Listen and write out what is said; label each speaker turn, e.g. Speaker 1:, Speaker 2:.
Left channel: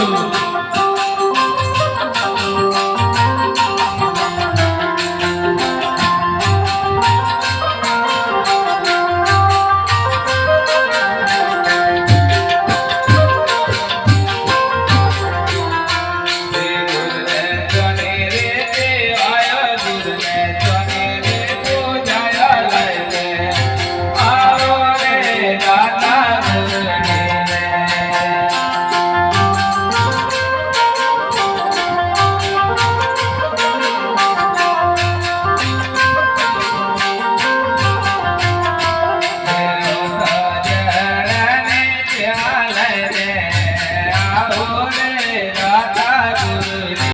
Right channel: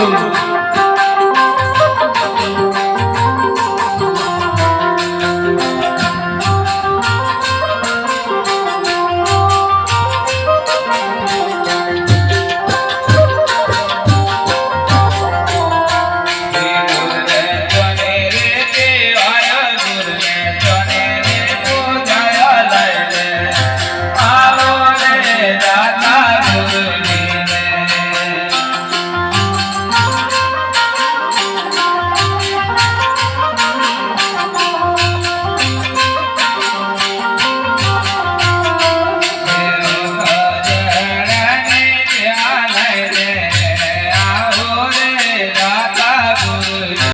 Speaker 1: Oh.